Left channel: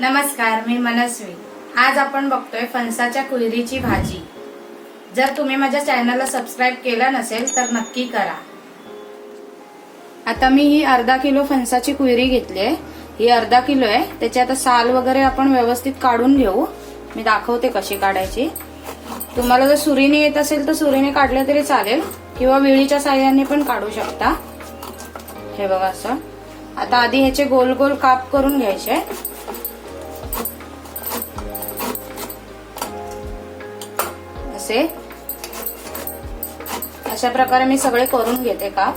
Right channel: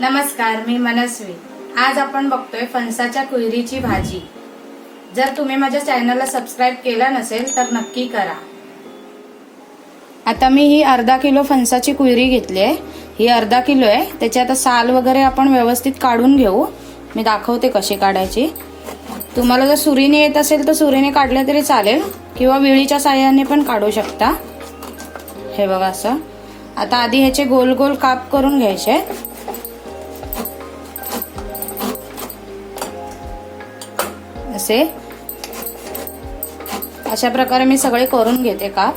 नमस्कार, मी मनस्वी। आज आपण बघतोय फणसाच्या कुयरीची भाजी। जर तुम्ही माझ्या चॅनलला सबस्क्राइब केलं नसेल तर नक्की करा। आता मी ही अर्धा किलो फणसाची कुयरी घेतली आहे। ही अर्धा किलो आहे। त्याची आता साल वगैरे आपण व्यवस्थित काढून घेऊ। मी दाखवते कशी काढायची। तुम्हाला जर सुरीने येत असेल तर सुरीने काढले तरी चालेल किंवा विळीच्या साहाय्याने पण काढू शकता। हे बघा असं। आता आधी ह्याचे गोल गोल काप करून घ्यायचे। अशा प्रकारे मी सगळे करून घेते काप।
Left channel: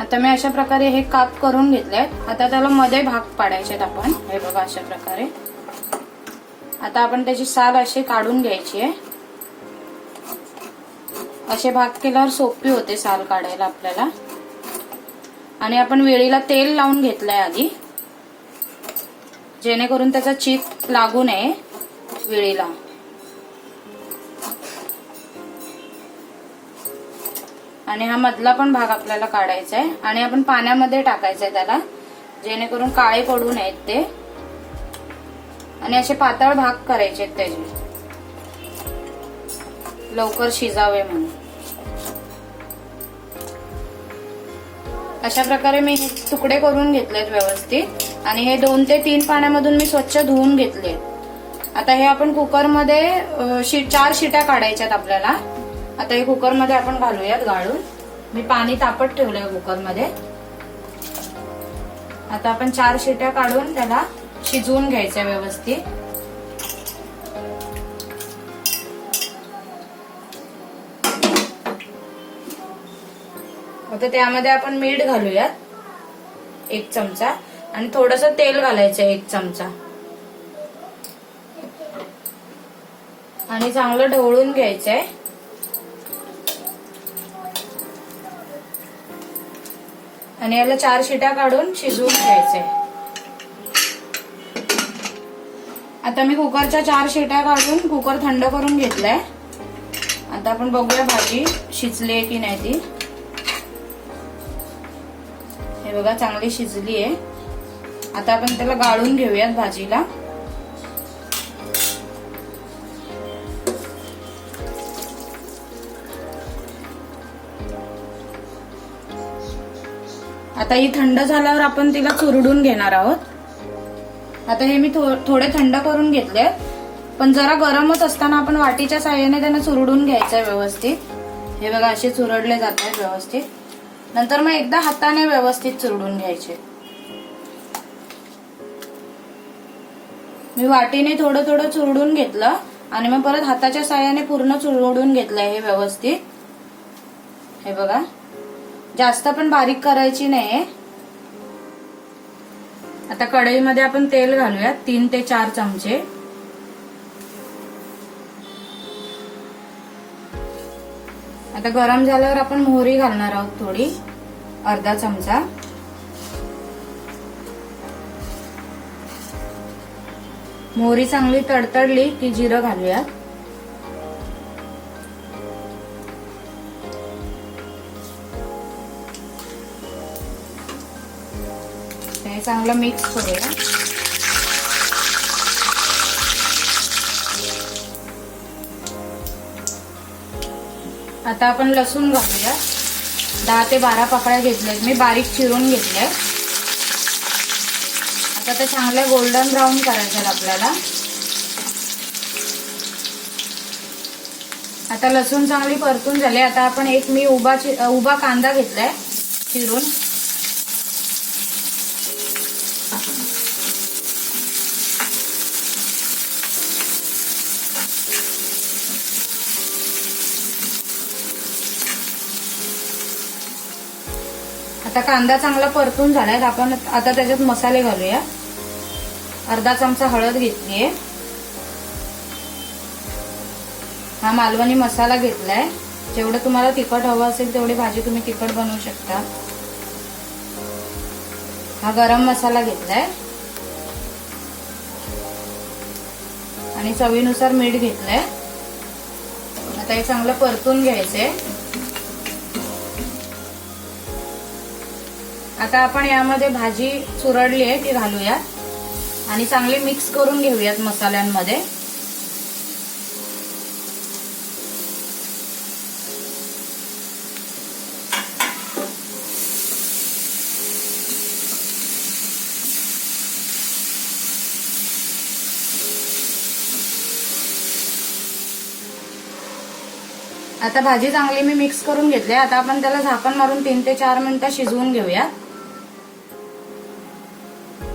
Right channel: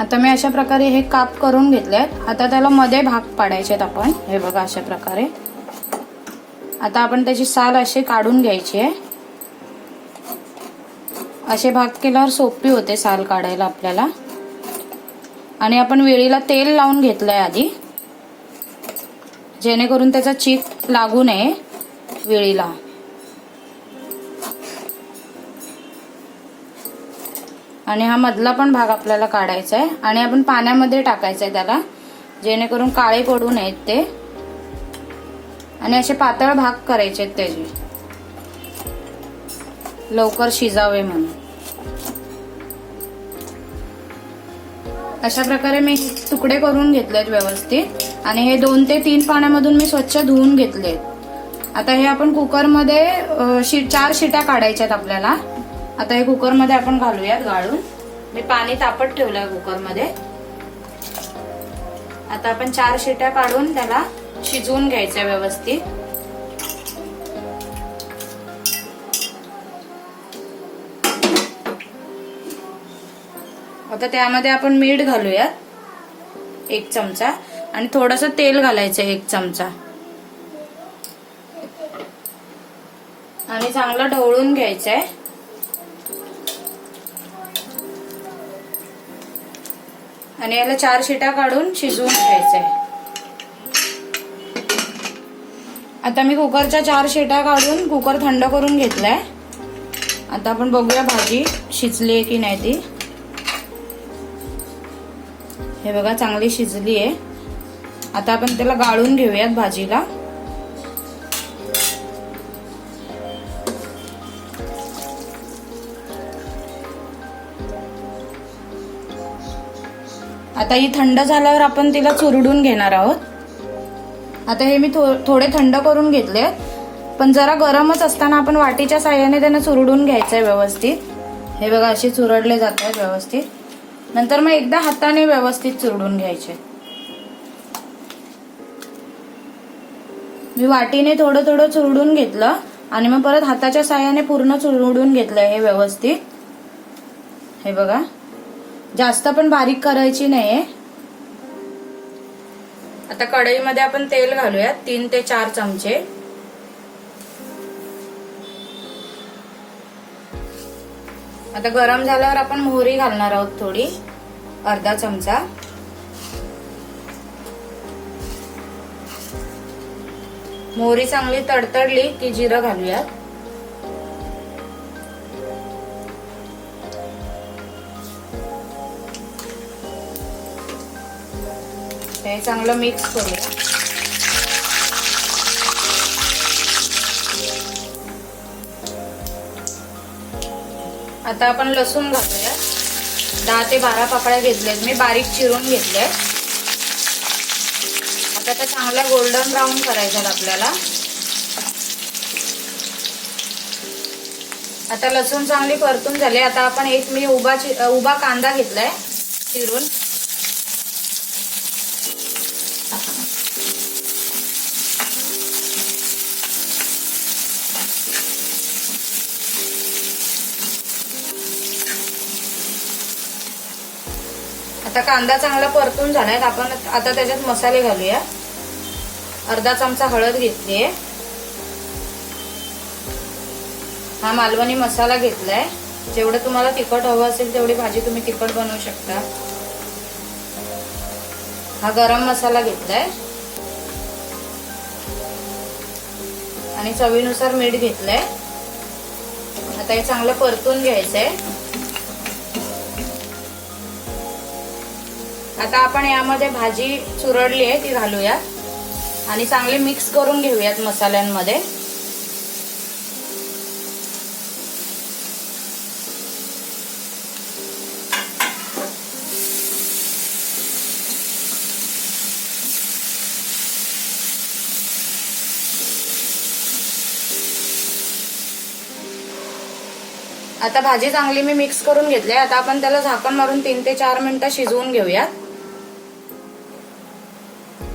आता मी अशा प्रकारे हे काप करून घेतले। आता त्याला मध्ये भाग पाडायचे आपण। हे बघा अशा प्रकारे। आता आपण त्याची साल अशी काढून घ्यायची आहे। असे भाग केल्यावर सोपी होते साल काढायला आपल्याला। आणि आपण वेळीला तेल लावून घेतलंय आधी, जेणेकरून त्याचा चीक लागू नये वेळीला। आणि हा मधला पण भाग आपल्याला काढायचा आहे आणि आपण पाण्यामध्ये टाकायचा आहे त्याला, जेणेकरून काळे पडू नयेत ते। आणि असे पातळ भाग करायचे त्याचे, लवकर शिजावे म्हणून। अशा प्रकारे मी तुकडे करून घेतलेत व्यवस्थित। आणि हे 2 ते 3 पाण्यामधून मी स्वच्छ धुवून घेतले। आता हे आपण कुकरमध्ये 4 शिट्या काढायच्यात आपल्याला। आता हे कुकरमध्ये आपण घालूयात गाळून। मी पाणी तापत ठेवलंय कुकरमध्ये। आता आपण 4 शिट्या काढून त्याला शिजवून घ्यायचं व्यवस्थित। आता त्यामध्ये आपण मीठ घालूयात 1 चमचा आणि थोडंसं तेल घालायचं 1 चमचा आणि चांगलं ढवळून घ्यायचंय। आणि याला 4 शिट्या काढून शिजवून घ्यायचंय। आता मी कुकरच्या 4 शिट्या काढून कुकर थंड करून घेतलाय। आता आपण बघूया भाजी शिजली आहे की नाही ती। हे बघा चांगली शिजली आहे। आता आपण त्याला गाळून घेऊयात भाजीला। आता ही थंड झाल्यावर आपण तिला चुरडून घेणार आहोत। आता हे मी थोडे थंड करून घेतले, पण जरा गरमच असताना आपण वाटीच्या साहाय्याने त्यांना चुरडून घ्यायचंय व्यवस्थित। हे बघा असे चुरडले जात आहेत व्यवस्थित। नंतर मग एकदा हाताने व्यवस्थित चुरडून घ्यायचे। मी वाटीने थोडं थोडं चुरडून घेतलं आणि मग परत हाताच्या साहाय्याने पूर्ण चुरडून घेतलंय हे व्यवस्थित। हे बघा जास्त पण बारीक करायची नाहीये। आता कढईमध्ये आपण तेल घालूयात 3 ते 4 चमचे। आता गरम झाल्यावर आपण मोहरी घालणार आहोत थोडी, अर्धा चमचा। मोहरी चांगली तडतडली की जिरं घालूयात। हे चांगलं मिक्स करूया। आता आपण लसूण घालूया। 10 ते 12 पाकळ्या घेतल्यात मी, बारीक चिरून घेतले। आता ते चांगलं गोल्डन ब्राऊन करायचं आपल्याला। आता लसूण चांगली परतून झाले। आता आपण मी उभा कांदा घेतलाय चिरून। आता कांदा चांगला परतून झालाय। आपण आता त्याच्यात मसाले घालूया। अर्धा चमचा हळद घेतलीये। हा मालवणी मसाला घेतलाय। जेवढं तुम्हाला तिखट हवं असेल तेवढी भाजी तुम्ही तिखट बनवू शकता। हा गरम मसाला घेतलाय आणि चवीनुसार मीठ घेतलंय। आता हे चांगलं परतून घ्यायचंय। आता आपण यामध्ये भाजी चुरडली आहे ती घालूया। आणि चांगले मिक्स करून घेऊयात मसाल्यांमध्ये. आता भाजी चांगली मी मिक्स करून घेतली. आता आपण त्याला झाकण मारून 3 ते 4 मिनिटं शिजवून घेऊयात.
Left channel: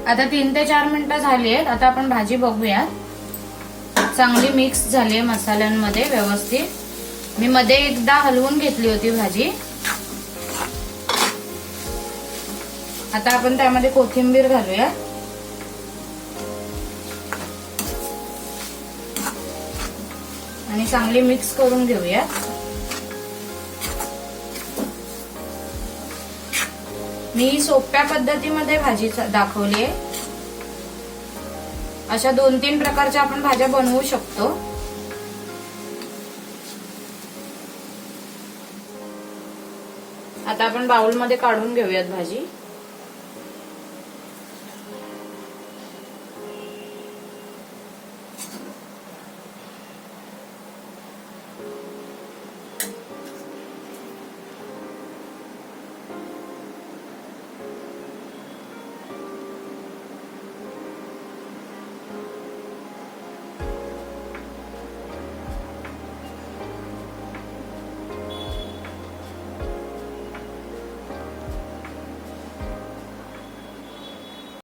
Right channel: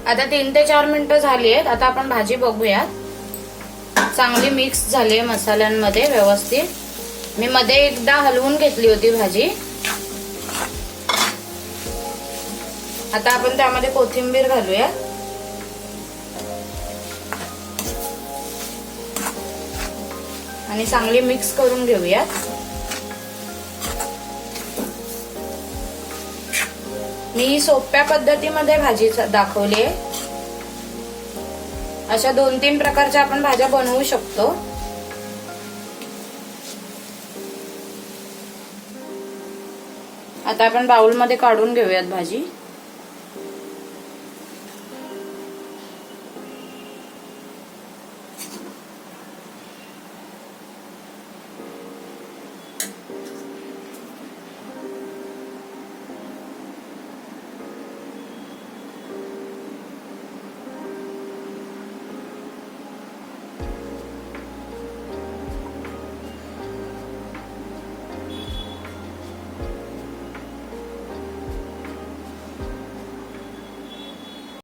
आता 3 ते 4 मिनिटं झाली आहेत. आता आपण भाजी बघूयात. चांगली मिक्स झाली मसाल्यांमध्ये व्यवस्थित. मी मध्ये एकदा हलवून घेतली होती भाजी. आता आपण त्यामध्ये कोथिंबीर घालूया. आणि चांगली मिक्स करून घेऊया. मी सोप्या पद्धतीमध्ये भाजी दाखवली आहे. अशा 2-3 प्रकारच्या आपण भाज्या बनवू शकतो. आता आपण बाउलमध्ये काढून घेऊयात भाजी.